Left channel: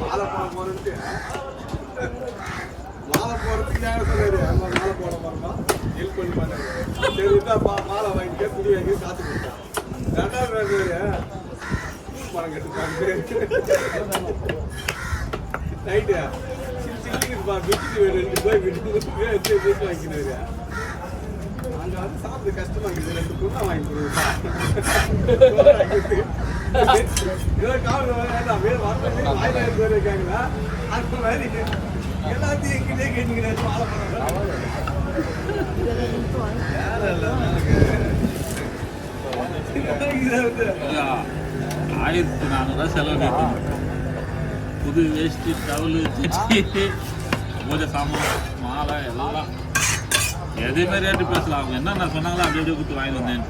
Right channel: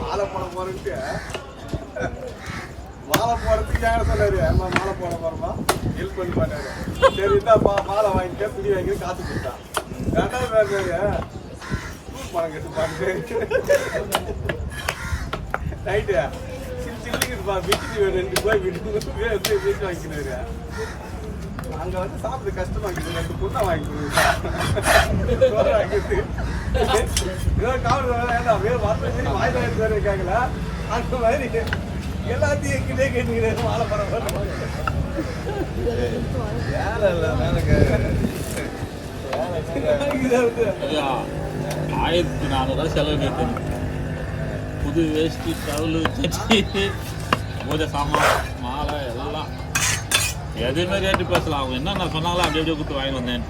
மாலை போட போறேன்ட்டு மாலை போறதுக்கு யார் சொன்னாரு அம்மா மாலை போட போறோமா ஹெல்ப் பண்ணி பண்ணாரு. சரி மாலை வாங்கிட்டு துணி வாங்கி காசு கொடுத்தான். ரெண்டாவது பேர் வாங்கிட்டு நைட்டு வீட்டுக்கு ரெண்டு போய் வீட்டு வாங்கிக்கிறாரு. அங்க வந்து சாப்பிட்டு கஷ்டமா இருக்குது. ரெண்டு குண்டா வாங்கிட்டு காவல் வாயிலாயிரம் பேர் இருக்காங்களா அந்த மாதிரி எல்லாத்தையும் எங்கிட்டே கேட்டுக்கிறேன். ₹1400 செலவு. புது வேஷ்டி, டவுலு, சட்டி, பூஜை சாமான், மாலை எல்லாம் எதுவுமே ரேட்டு பேசலாம். அவங்க என்னென்ன சொன்னாங்களோ அப்படி அப்படியே கொடுத்து வாங்கி வந்தேன்.